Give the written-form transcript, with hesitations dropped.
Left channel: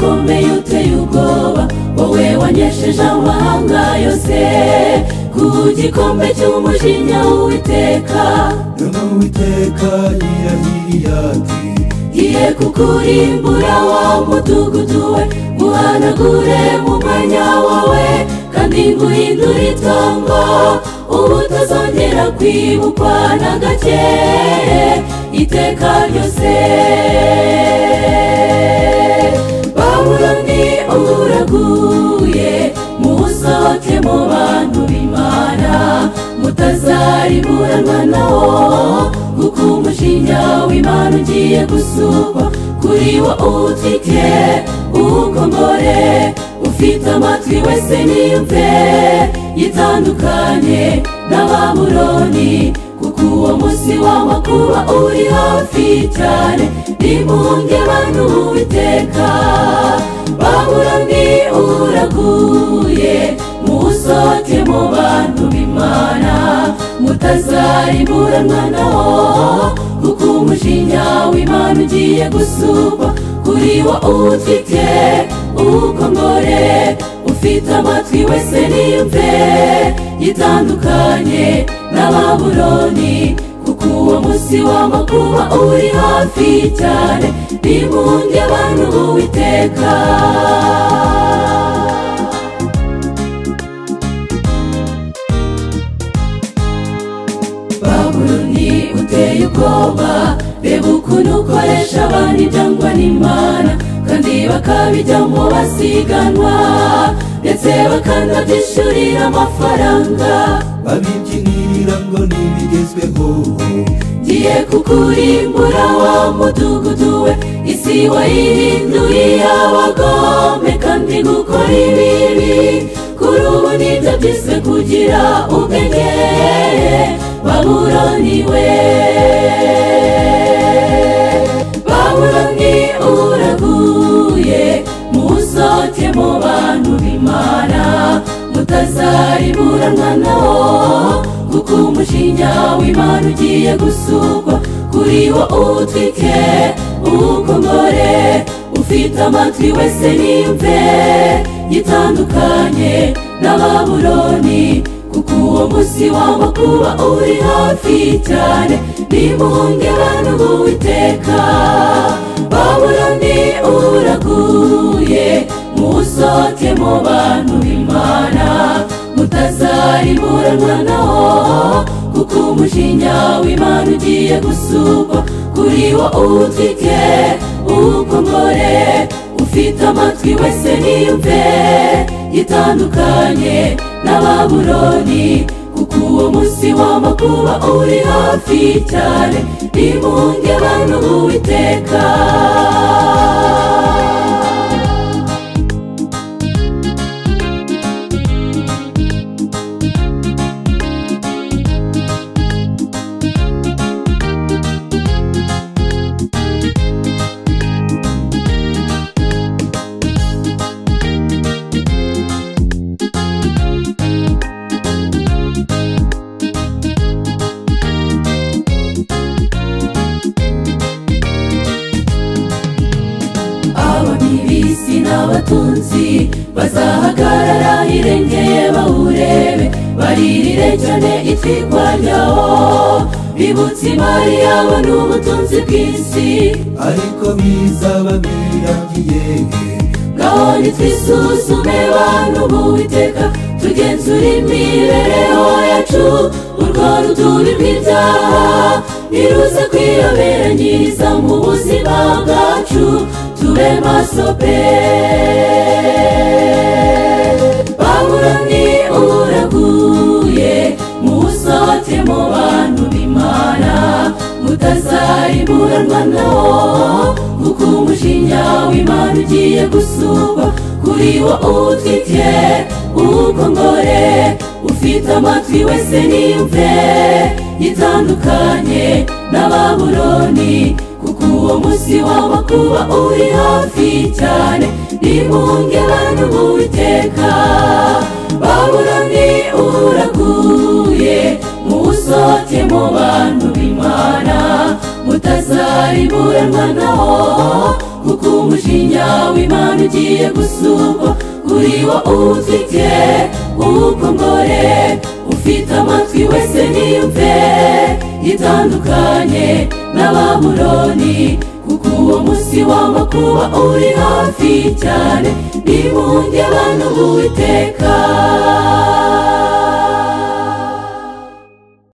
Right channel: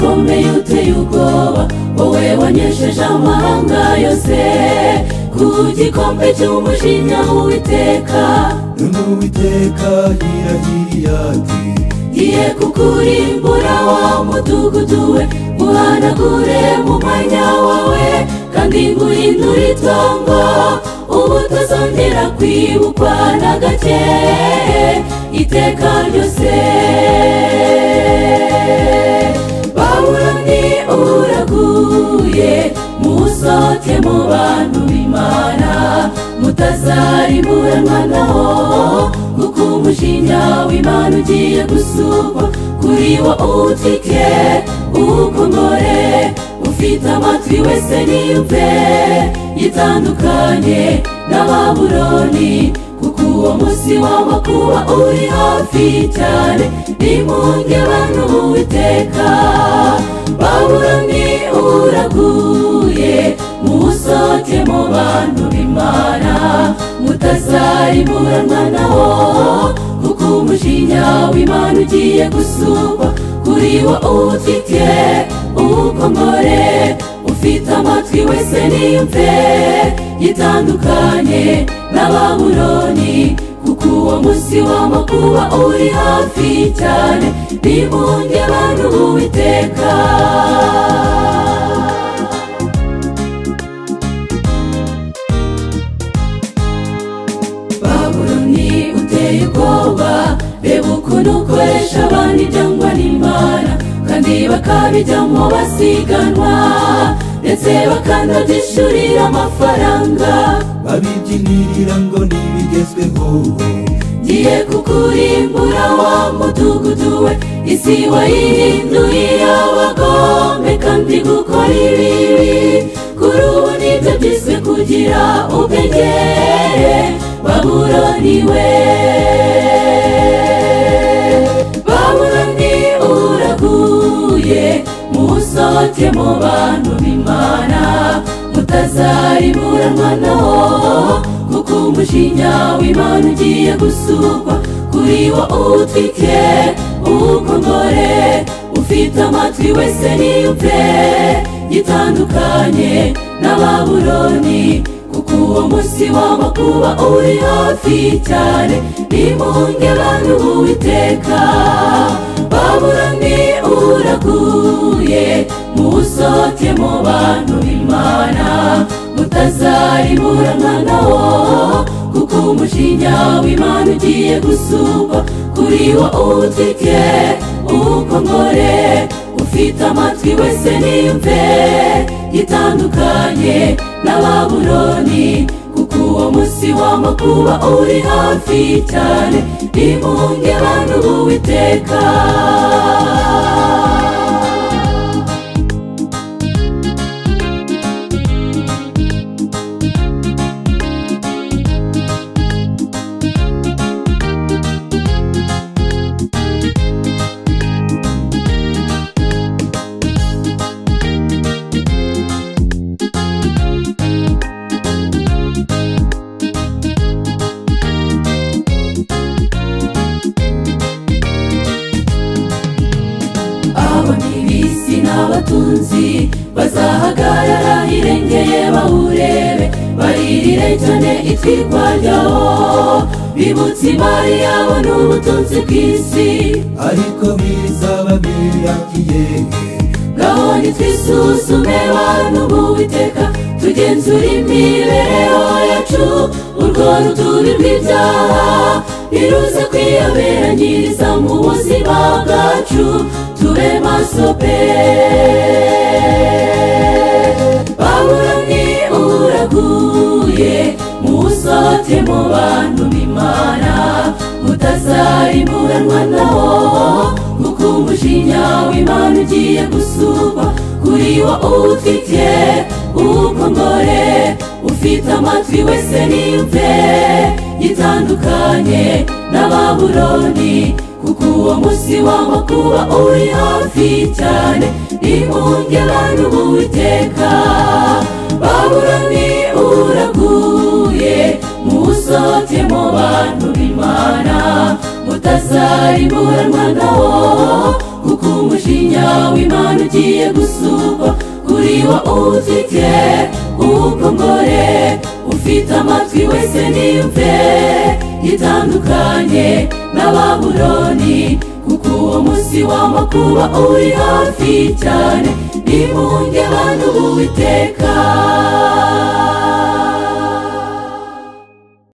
ukomeye uteye ubwoba, wowe wanyesheje amahanga yose ku gikombe cy'umujinya w'Uwiteka. None Uwiteka yirahiriye ati, ngiye kukurimbura wa mudugudu we, uhanagure mu mwanya wawe, kandi nguhindure itongo ubutazongera kwibukwa na gake iteka ryose. Babuloni uraguye, musohoke mu bantu b'Imana, mutazarimuranwa nawo, kuko umujinya w'Imana ugiye gusukwa kuri wo utwike ukomore. Ufite amatwi wese niyumve, yitandukanye na Babuloni, kuko uwo munsi w'amakuba uri hafi cyane. Nimunge bantu b'Uwiteka, Babuloni uraguye, musohoke mu bantu b'Imana, mutazarimuranwa nawo, kuko umujinya w'Imana ugiye gusukwa kuri wo utwike ukomore. Ufite amatwi wese niyumve, yitandukanye na Babuloni, kuko uwo munsi w'amakuba uri hafi cyane. Nimunge bantu b'Uwiteka. Babuloni uteye ubwoba, reba ukuntu ukoresha abantu ibyangwa n'Imana, kandi bakabijyamo basiganwa, ndetse bakanabyishyurira amafaranga, babibyinirira ngo ntibigezweho. ngiye kukurimbura wa mudugudu we, isi wayihinduye abagome kandi gukora ibibi. Kuri ubu nibyo byiswe kugira ubwenge. Babuloni we, Babuloni uraguye, musohoke mu bantu b'Imana, mutazarimuranwa nawo, kuko umujinya w'Imana ugiye gusukwa kuri wo utwike ukomore. Ufite amatwi wese niyumve, yitandukanye na Babuloni, kuko uwo munsi w'amakuba uri hafi cyane. Nimunge bantu b'Uwiteka, Babuloni uraguye, musohoke mu bantu b'Imana, mutazarimuranwa nawo, kuko umujinya w'Imana ugiye gusukwa kuri wo utwike ukomore. Ufite amatwi wese niyumve, yitandukanye na Babuloni, kuko uwo munsi w'amakuba uri hafi cyane. Nimunge bantu b'Uwiteka. Abatunzi bazahagarara hirengeye bawurebe, baririre cyane itwikwa ryawo, bibutse imari yabo n'ubutunzi bw'isi, ariko bizaba birangiye. ngaho nitwisuzume bantu b'Uwiteka, tugenzure imibereho yacu, urwo rutubi rw'ibyaha niruze kwiyoberanyiriza mu buzima bwacu, tube maso pe. Babuloni uraguye, musohoke mu bantu b'Imana, mutazarimuranwa nawo, kuko umujinya w'Imana ugiye gusukwa kuri wo utwike ukomore. Ufite amatwi wese niyumve, yitandukanye na Babuloni, kuko uwo munsi w'amakuba uri hafi cyane. Nimunge bantu b'Uwiteka, Babuloni uraguye, musohoke mu bantu b'Imana, mutazarimuranwa nawo, kuko umujinya umugisha w'Imana ugiye gusumba kuri wo utwite ukongore ufite amatwi wese niyumve gitandukanye na Babuloni kuko uwo munsi w'amakuba uri hafi cyane nimunge bantu b'Uwiteka